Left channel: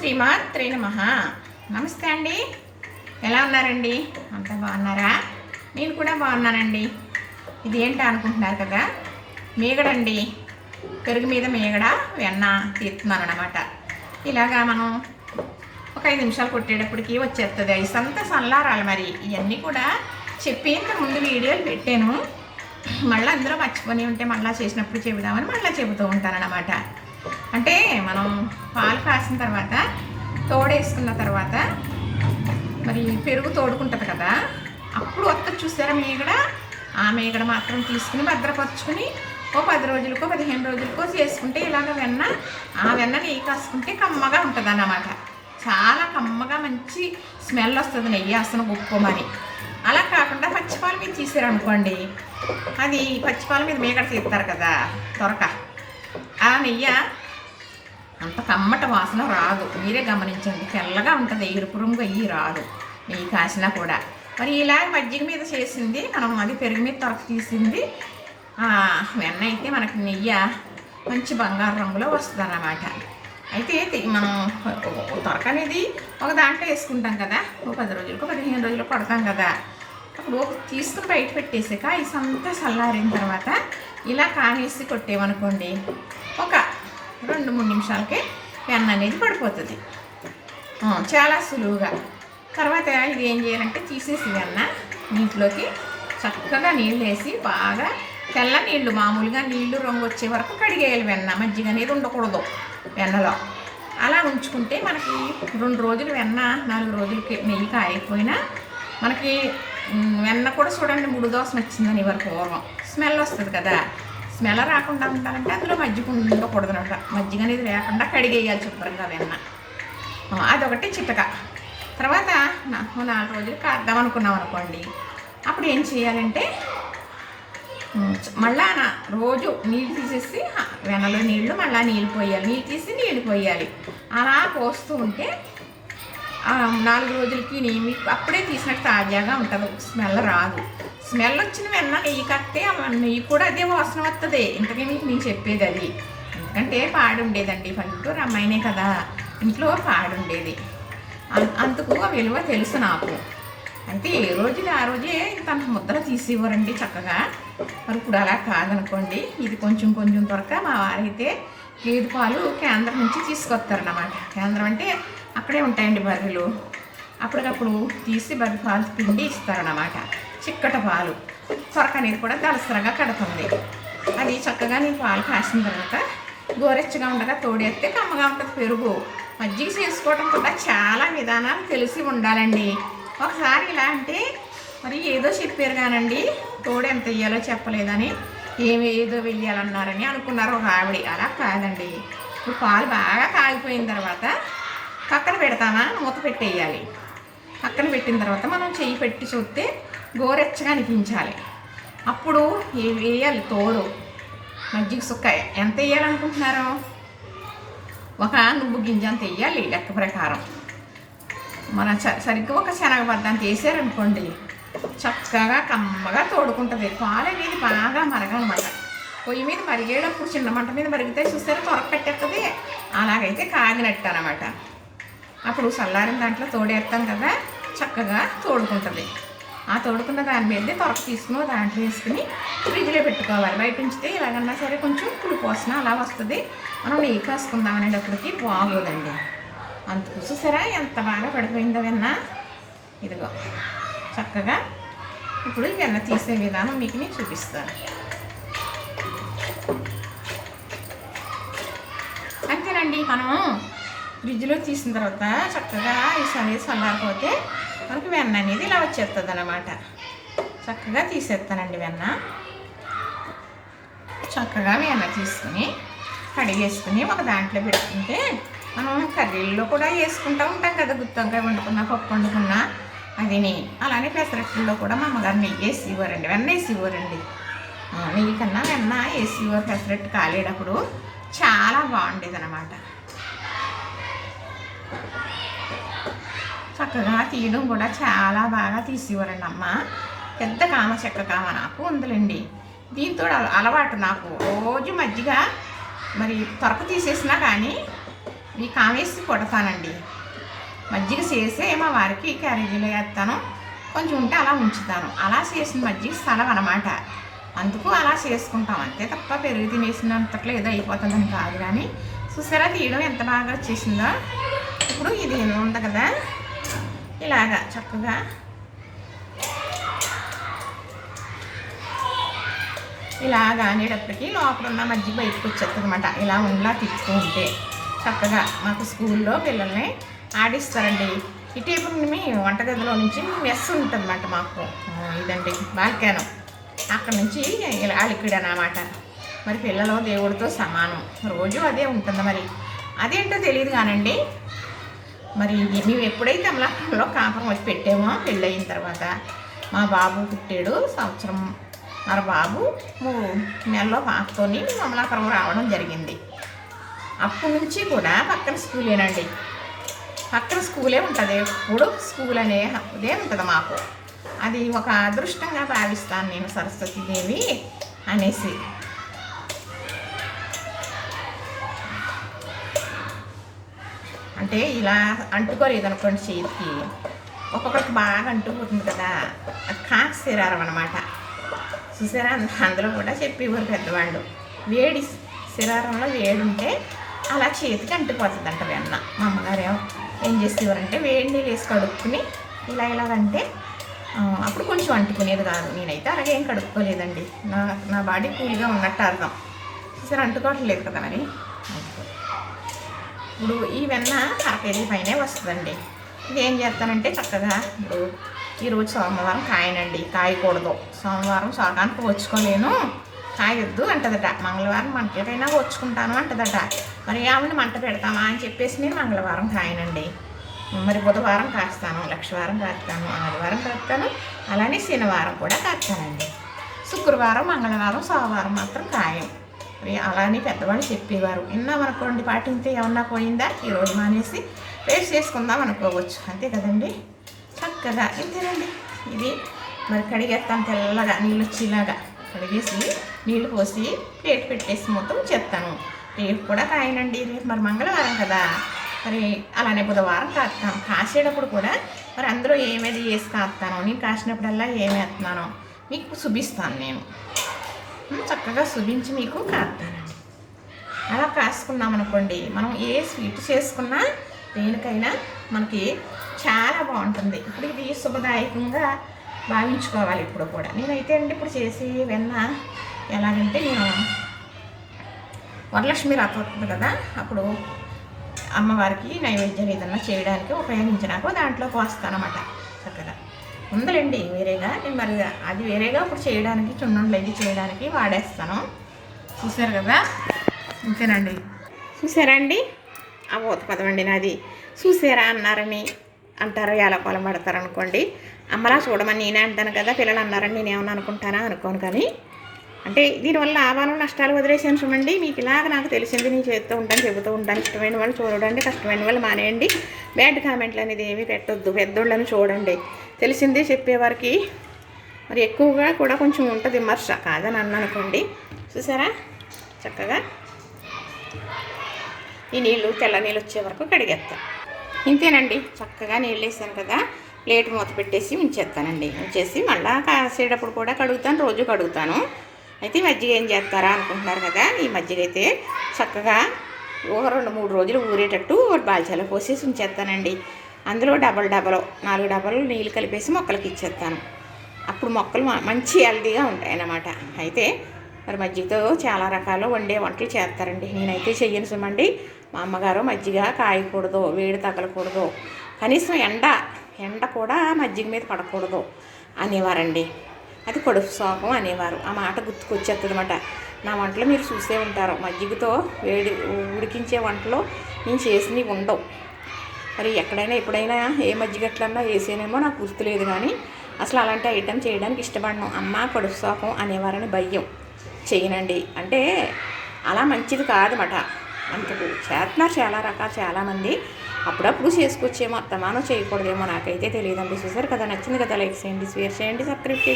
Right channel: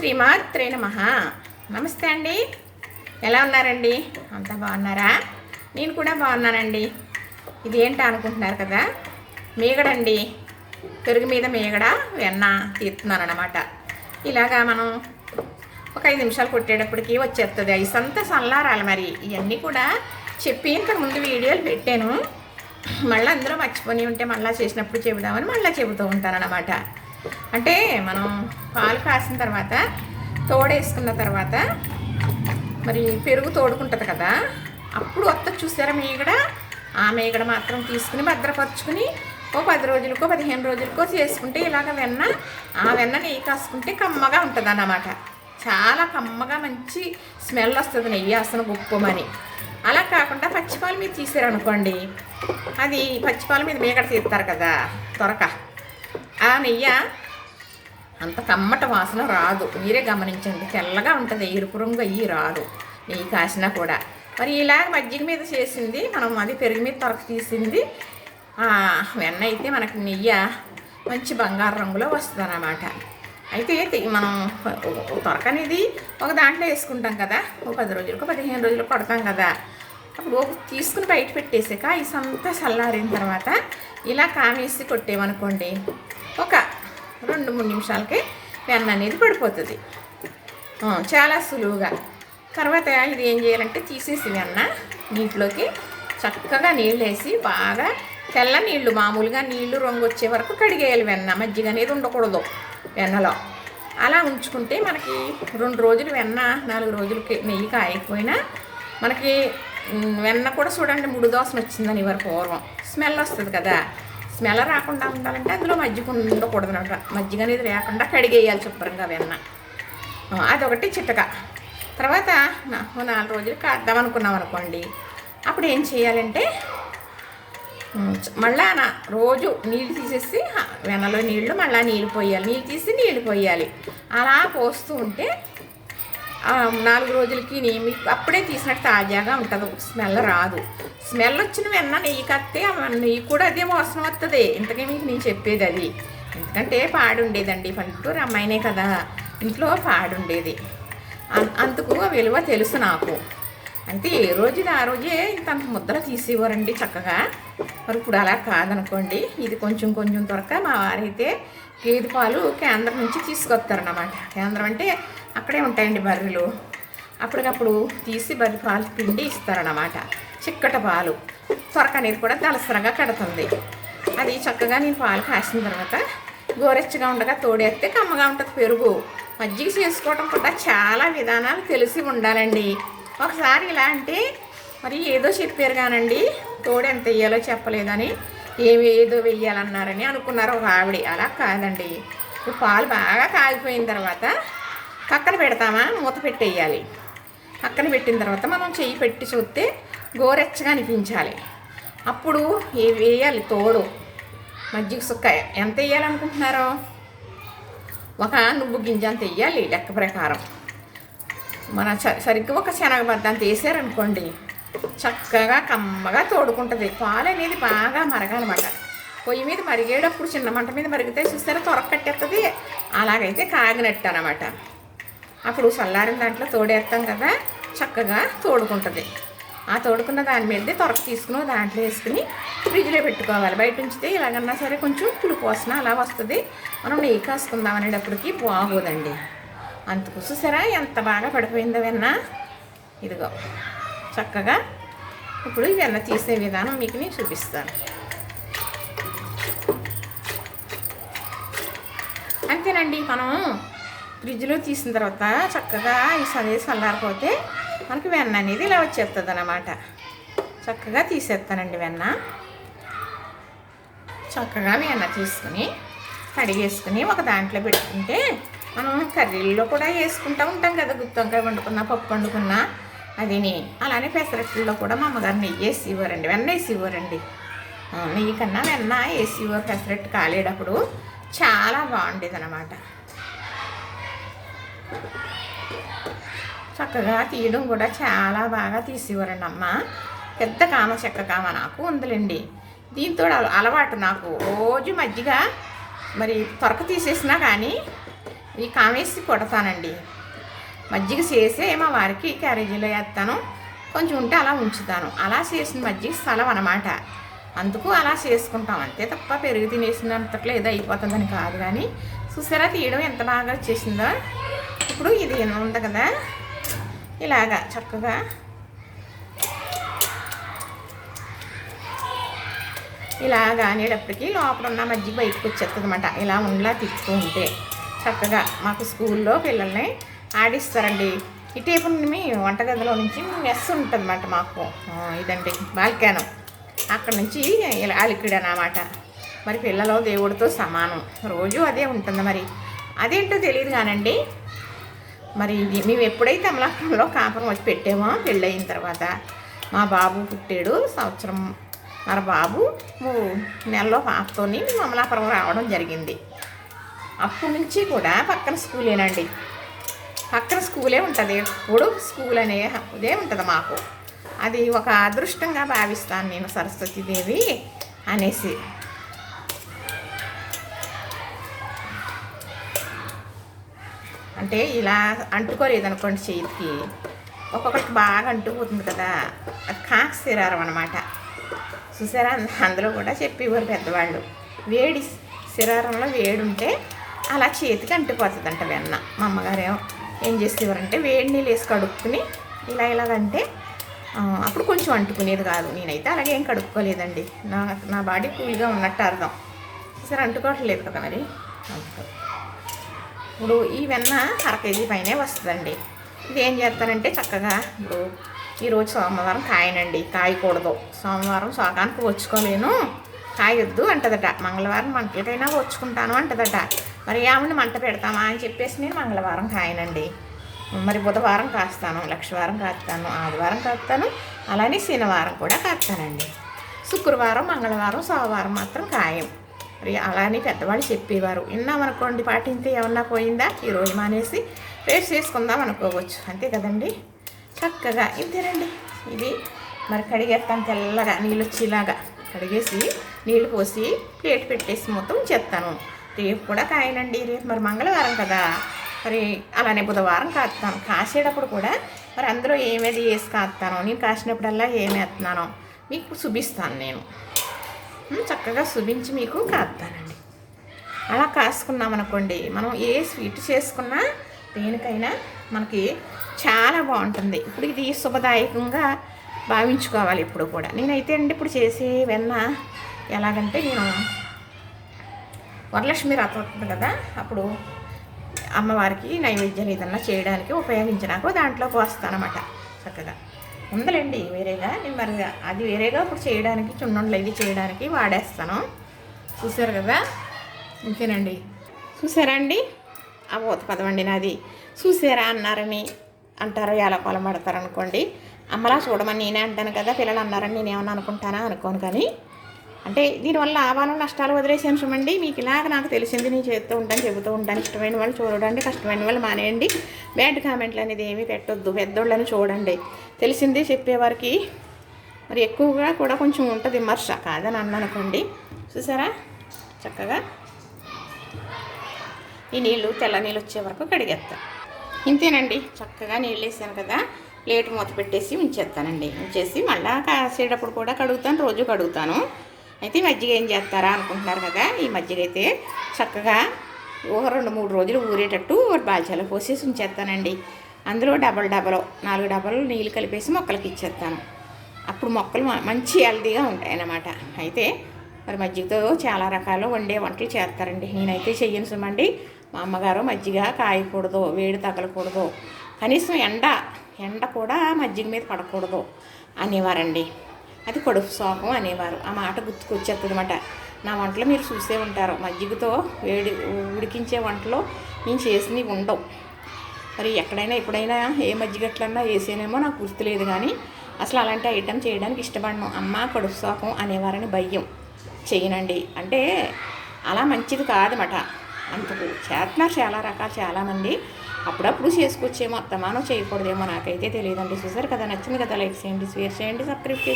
శ్రీమాత్రే నమః. నమస్తే అండి. ఎలా ఉన్నారండి? అంతా బాగున్నారా? నేను కూడా బాగున్నానండి. ఇది ఏంటి అనుకుంటున్నారు కదా, మీగడండి. పెరుగు మీద మీగడ వెన్న తీస్తున్నాను అన్నమాట. ఇలాగా మనం ఒక 5 నిమిషాలు కొట్టేటప్పటికి వచ్చేస్తుంది. ఐస్ అంతా చల్లారాలి. మరి ఇవన్నీ కూడా చెప్పి ఇంతకు ముందు వీడియోలు పెట్టాను. మళ్ళీ అందులో మర్చిపోయి ఉంటే మళ్ళీ చేసినప్పుడు చెబుదామని మళ్ళీ చెబుతూ ఉంటాను అన్నమాట. అంటే మనం పాలు కాసిన తర్వాత తోడేసుకున్న తర్వాత మరి పెరుగు తోడుకుంటుంది కదా, అప్పుడు వస్తుంది చూసారా మీగడ. ఆ మీగడ మాత్రం తీసుకుని భద్రపరుచుకుని ఓ 10 రోజులకో 15 రోజులకో చేసుకుంటే ఇలాగ వెన్న, ఆ వెన్న నెయ్యి కాసుకుంటే కమ్మగా ఉంటుంది అన్నమాట. చాలా కమ్మగా మంచి స్మెల్ వస్తుంది, నెయ్యి అసలు గుప్పమని. అలా కాకుండా పచ్చిపాల మీద తీసారనుకోండి, అది పచ్చిపాల మీద మీగడ తీస్తారు కదా త్వరక, ఆ నెయ్యి అంత కమ్మట వాసన రాదు. మీరే గమనించండి, తెల్లగా ఉంటుంది, ఎరుపు రంగు అయ్యి రాదు నెయ్యి కాసినా కూడా. మరి ఇలాగ మజ్జిగ మీద చేసింది మనం, అది పెరుగు మీద త్వరక తీసింది వెన్న అయితే మనకి నెయ్యి మంచి బంగారు రంగులో వస్తుంది అన్నమాట. అయితే మనం త్వరక అనేది ఒక దాంట్లో వేసుకుంటాం కదా, ఒక 10 రోజులకు 15 రోజులకు కొడతాం కదా, అప్పుడు తీసుకుని బయట పెట్టేసాక ఐస్ అంతా చల్లారిన తర్వాత ఇలా కామేసి కొట్టేమనుకోండి, ఒక 2-3 నిమిషాలకే వెన్న అనేది పడిపోతుంది చాలా సులువుగా. తర్వాత ఇది ఏం చేయాలంటే తీసేసి వెన్న నీటిలోకి చక్కగా నీళ్ళు వేసి బాగా తెల్ల నీళ్ళు, మామూలుగా నీళ్ళు రంగు వచ్చే వరకు కడిగేయాలి. వెన్న మజ్జిగ అనేది ఉండకూడదు వెన్నలో. అలా ఉంచుకుంటే మనకి 2 రోజులు వెన్న, 4 రోజులకి నెయ్యి కాయకపోయినా మనకి వెన్న కూడా చూడండి ముడు దోసన వచ్చిందని ఎవరు పూర్వం స్మెల్ వస్తుంది కదా. స్మెల్ రాకుండా ఉండాలంటే అందులో మజ్జిగ ఉండకూడదు అనమాట. మజ్జిగ అనేది లేకుండా కడిగేయాలి శుభ్రంగా వెన్న. అదొకటి చిట్టక. తర్వాత 4 రోజులు కాద్దాం అనుకున్నాం అనుకోండి, అప్పుడు ఏం చేయాలంటే మళ్ళా రోజు నీళ్ళు తీసేసి వెన్నలో నీళ్ళు మళ్ళీ నీళ్ళు పోయాలి, నీళ్ళు తీసి నీళ్ళు పోయాలి. అలా పోస్తూ ఉంటే 4 రోజులకి మీకు అప్పుడే తీసినట్టు తాజాగా ఉంటుంది, స్మెల్ రాదు. స్మెల్ వచ్చిన వెన్న నెయ్యి కట్టే నెయ్యి కూడా అదే వాసన వస్తుంది. ఇంతకీ మీకు నేను చెప్పేది అది. ఎందుకంటే పాడు ఉండేదండి, పల్లెటూరు అమ్మాయినే కదా, ఇంట్లో పాడు ఉండేది. అందుకు ఆ విలువ తెలుసు నాకు. అంటే ఏ రోజుది ఆ రోజే ఇంత ముద్దలు తీసేవారండి చక్కగా. మరి ఇప్పుడు అలా కాదనుకోండి, ఇది కొంచెం కొంచెం త్వరగా మా వారైతే గేదె పాలు కేంద్రం నుంచి తీసుకొస్తారన్నమాట. కేంద్రం అంటే అక్కడే ఉంటాయండి బర్రెలు, అప్పటికప్పుడు తీసి బర్రె పాలు పిండి ఇస్తారన్నమాట. చిక్కట పాలు త్వరక అనేది కూడా దలసరగా కడుతుంది. అది చక్కగా నేను పాలు కాసిన తర్వాత గోరెచ్చగా ఉండగా తోడేస్తే కమ్మగా ఉంటుంది పెరుగు. మజ్జిగ చేసుకోవడం కూడా చాలా విధానాలు తెలిసి ఉండాలండి. ఒకసారి ఇలా అంటే మరి ఏదో చెప్పారు కానండి, తోడు ఎంత వేయాలో చెప్పలేదని ఏదో వెయ్యాలన్నారని అనుకున్నారు ఒక ఆవిడ. అలా కాదండి. ఇప్పుడు పాలు బాగా కాగిపోయిన తర్వాత పక్కన పెడతామా, మూత పెట్టేయాలి. పక్కన పెట్టిన తర్వాత మనం చెయ్యి పెట్టి చూస్తే గోరెచ్చగా అనిపించాలి. అప్పుడు వేయాలి తోడు. మజ్జిగ సుక్క ఎంత వేయాలనుకుంటున్నారో, ఒక నువ్వు గింజ అంత వేయాలి లెక్క ప్రకారం. మన సరిగ్గా ఒక శనగబద్ద అంత వేసారనుకోండి, చక్కగా కమ్మగా తోడుకుంటుంది. పాలు అనేది బాగా మరగాలన్నమాట. పొయ్యి మీద మరిగేటప్పుడు చిన్న మంట మీద మరిగితే చూస్తారా త్వరగా కట్టేస్తుంది, అలాగైతే కాగినట్టు అనమాట. అప్పుడు చల్లారిన దాంట్లో తోడేస్తాం కదా, చక్కగా తోడుకుంటుంది. ఆ తోడుకున్న దాని మీద త్వరగా తీసుకుని దాంట్లో వేసుకుని ఫ్రిడ్జ్లో పెట్టుకోవాలి. బయట ఉంచితే ఎలాగన్నా సరే కొంచెం పులుపు వాసన అలా వస్తుంది. మనం నెయ్యి కాసుకుందాం అనేటప్పటికి బాగోదండి. అంతకు చూసారా ఎంత బాగా పడిపోయిందో వెన్న. ఇదిగో చక్కగా ఇప్పుడు ఈ వెన్న తీసే విధానం మీకు నేను చూపిస్తాను. అంతేనండి. మనం ఫ్రిడ్జ్లో తీసిన తర్వాత చక్కగా ఈ చల్లారిపోతే మనకి వెన్న అనేది ఇలా వచ్చేస్తుంది అన్నమాట. చక్కగా తీసేస్తానండి వెన్న. చక్కగా వెన్న తీసుకుని కడిగేసుకుని ఒక దాంట్లో పెట్టుకుంటే మనం కర్రీల్లో కూడా వేసుకుంటూ ఉంటాం కదా, గుత్తి వంకాయ వండుకున్నా, పప్పు వండుకున్నా అదిని. అలానే పెసరట్టుల్లో కూడా మా అమ్మగారు నెయ్యి వేసి ఇవ్వరండి, వెన్న వేసి ఇవ్వరండి. నెయ్యి కన్నా వెన్న వేసి ఇవ్వరు. పెసరట్టు కాలేటప్పుడు చాలా బాగుండేది అన్నమాట. చక్కగా తీయడం కూడా చాలా బాగా తీసేవారండి అమ్మ. పెద్ద కామ చెక్క కామ నాకు ఉందిలేండి. దీంతో అలవాటు నాకు. రోజు మజ్జిగ మరి త్వరక తీసేసినా కానీ ఈ కామేసి కొడతానండి. మజ్జిగ చేసే మా వారికి క్యారేజీలో వేస్తాను, కొంచెం ఉంటే అలా ఉంచుతాను. అలా చేసిన మజ్జిగ స్థలం అన్నమాట. అందుకు అలా చేసుకుంటాం అంతే తప్ప పెరుగు తినేసినంతట్లో ఏదో అయిపోతుందని కాదు. కానీ చూసారా తీయడం ఎంత బాగా వచ్చేసిందో. ఇప్పుడు ఇది ఉంది కదా, ఇలాగా చక్కగా ఇలాగా అనేటప్పటికి లోపల ఉన్న మజ్జిగ బయటకు వచ్చేస్తుంది అనమాట. ఇలా ఉండలా తిప్పుతూ ఉంటే చక్కగా మాకు స్కూల్లో పిల్లల్ని ఆడిస్తారండి. ఇటీపు మీ వంటగదిలో నుంచి మెస్ ఉంటుంది అన్నమాట. మాకు ఇదండి బాల్కాను, అక్కడ నుంచి ఇలా లిక్విడ్ అన్నమాట. మరి పిల్లలు దేవుడితో సమానం, రోజు అదే ఉంటుంది. మరి అదేంటో తెలియదు కానండి. మరి మేము ఎప్పుడైతే అమలాపురంలో కాపురం వచ్చి పెట్టామో పెళ్ళయిన తర్వాత మా బాబు పుట్టాడు, సంవత్సరం మరి బాబు 3 నెలల్లో పాపతోని అమలాపురం రావడం జరిగింది. అప్పటి నుంచి కూడా పక్కన స్కూలేనండి, పక్కన స్కూలే ఉంటుంది. ఎప్పుడు స్కూల్ అనేదే ఉంటుంది మాకు. అది ఒక అదృష్టంగా భావిస్తాను నేను, సరస్వతీదేవి అనేసి. అంటే ఇలా అంటుకోలేదనుకోండి చేతికి, ఒక్కొక్కరికి బాగా అంటుకుపోతుంది కదా, అది కాక శరీరం అన్నమాట. చూసారా, అందులో కూడా చెప్పేవారు పెద్దవాళ్ళు, వేడి శరీరంలో వేడి ఉంటే అలా చేతికి అంటుకుపోతుందంట వెన్న. మా అమ్మగారు ఏం చేసేవారంటే వేడి నీళ్ళు వేసి కడుక్కుని ఇలాగంటే అప్పుడు కొంచెం అంటుకునేది కాదు. నేనైతే అలాగే ఏం కడుక్కోలేదండి, నా బాడీ కూల్గా ఉన్నట్టు అర్థం. సరే అంటుకోవట్లేదు కదా మరి. ఇప్పుడు ఈ వెన్న 1/2 కేజీ పైనే వస్తుందండి. ఇది ఏం చేస్తానంటే చక్కగా ఇప్పుడు ఈరోజు సోమవారం కాయనండి, కాయకూడదు. సోమవారం సోకానికి వచ్చుకోలేను, కాయొద్దు అంటదట. మంగళవారం మంటలకైనా వచ్చుకుంటాను అంటదట. మరి ఆమెను మంట పెడతామా అని చెప్పేసి నేను మంగళవారం కాయనండి. మరి బుధవారం కాస్తాను, లక్షవారం కాస్తాను, ఆదివారం కాస్తాను, అలానే శనివారం కూడా కాస్తానండి. శుక్రవారం, మంగళవారం, సోమవారం మాత్రం కాయం. మరి అలానే పెద్దవాళ్ళు చెప్పేవారు, విన్నామనుకోండి పాటింతే ఏమన్నా పోయిందా, ఈరోజు మానేసి రేపు చేసుకుందాం అనుకోవచ్చు, అంతే కదండి. చక్కగా ఇంతేనండి. ఇది మరి కడిగేస్తాను, తెల్లగా నీళ్ళు వచ్చేలాగా కడిగేసి నీళ్ళు పోసి ప్లేట్ పెట్టేసి మొత్తం చేస్తాను. రేపు కూడా కాయనండి, రేపు మరి మంగళవారం కదా, మరి అలానే బుధవారం కాస్తాను. కాసేటప్పుడు కూడా మరి అందులో ఏమేది వేసి కాస్తాను, నేను కాసినప్పుడల్లా ఏమి వేస్తున్నానో మీకు చూపిస్తాను. నేను చక్కగా చూపించి మీకు కాస్తానండి. అలా కాసుకున్నామనుకోండి, మనం ఏ స్వీట్ చేసుకున్నా దేనికైనా మనకి చాలా బాగుంటుంది. ఇప్పుడు ఇది శుభదాయకంగా భావించుకోవాలి ఇప్పుడు కూడా. నేనైతే అండి ఇప్పుడు చేసే వెన్న ఎలాగంటే, నేను వరలక్ష్మి వ్రతం అవుతుంది కదా, అప్పుడు అమ్మవారికి నైవేద్యం ఏదన్నా చేయడానికి ఉపయోగించినాక దాంట్లో పోస్తానమాట. చక్కగా ఉందలేండి వేరేగా, నేను మరి అది వేరేగా ఇప్పుడు చేయడానికి చున్నుండలు ఇది చేయడానికి వాడేస్తాను. చూసారు కదా, ఇంతేనండి. చూసారా అండి, ఆ ఊత పదమండి నాది. చూసారా అన్నారని అంటారు, ఎలా పొలం పడతారు అనుకోండి. అమ్మలా చూడమని నేనే అంటాను కదా, పిల్లలు అన్నారని నేనేమన్నా అనుకుంటానా అనుకోను. కానీ అంటే దీనివల్ల లాభాలు నష్టాలు వదిలేసాను చూడండి. మీకు ఇలాగ నాకు తెలిసింది నేను చేస్తూ ఉంటాను, చెబుతూ ఉంటాను. ఇష్టమైన వాళ్ళు చూడండి, కష్టమైన వాళ్ళు మానేయండి. బ్యాడ్ కామెంట్లు అనేది ఏమీ పెట్టొద్దు, పెద్దోళ్ళని చూడండి. తెలిసిందే చెప్పేవారికి మరి ఎక్కువగా కూడా కొంచెం ఉంటుంది విమర్శ, కాదని అన్నానుకోండి. చూసారా చక్కగా ఈ నీళ్ళు తెల్ల నీళ్ళు వచ్చే వరకు కడిగేస్తాను. ఇంతేనండి, చక్కగా నీళ్ళు వేసాను కదా, ప్లేట్ మూత పెట్టేసి ఉంచేస్తానండి. ఉంచేసి మళ్ళీ కాసేటప్పుడు కూడా కడుగుతాను, రోజు కడుగుతాను. అయితే మజ్జిగ ఏం చేస్తారా అనుకుంటున్నారు కదా, ఈ మజ్జిగ అయితే చక్కగా ఒక 2-3 రోజులు ఊరేటట్టు బాల్చాలో పోసేసి ఉంచేస్తానండి. అందులో 4 డబ్బాలు నీళ్ళు కలిపేసి మొక్కలకి ఇచ్చేస్తాను. అప్పుడు మొక్కలు మంచి హెల్తీగా ఉంటాయి అన్నమాట. అయితే మరి మజ్జిగతో చాలా రకాలు వండే వంటలు చేస్తారండి. నేనైతే చెయ్యను సుమండి. మా అమ్మగారు మజ్జిగ కాయకూడదు, వేడి తగలకూడదు, కనీసం ఎండ కూడా మజ్జిగ మీద పడకూడదు అనేవారండి. అది కడుపు శోకం అనేవారు. ఆ మాట గుర్తుకొచ్చేస్తుంది అనమాట. నా వంటలు మీరు చూసే ఉంటారు, మజ్జిగతో వేడి ఉడికించే వంటలు నేను చేసినవి ఉండవు. మరి ఎక్కడైనా ఎప్పుడైనా ఏ మజ్జిగట్లన్నా వేసేనేమో నాకు గుర్తులేదు. కానీ అసలు అలాంటి ఐటెం చేయడానికి ఇష్టపడను. అమ్మ కడుపు శోకం అనేవారని భయం, చేయనండి. అంటే అలా మంచిది కాదన్నమాట. అందుకు చేస్తున్నారు చాలా రకాలు చాలామంది. అప్పుడప్పుడు చేసుకొచ్చేమో, అత్తమానో చేయకూడదేమో నాకైతే తెలియదండి. చూసారు కదా, నచ్చింది కదా, లైక్ చేయండి, షేర్ చేయండి, సబ్స్క్రైబ్ చేయండి.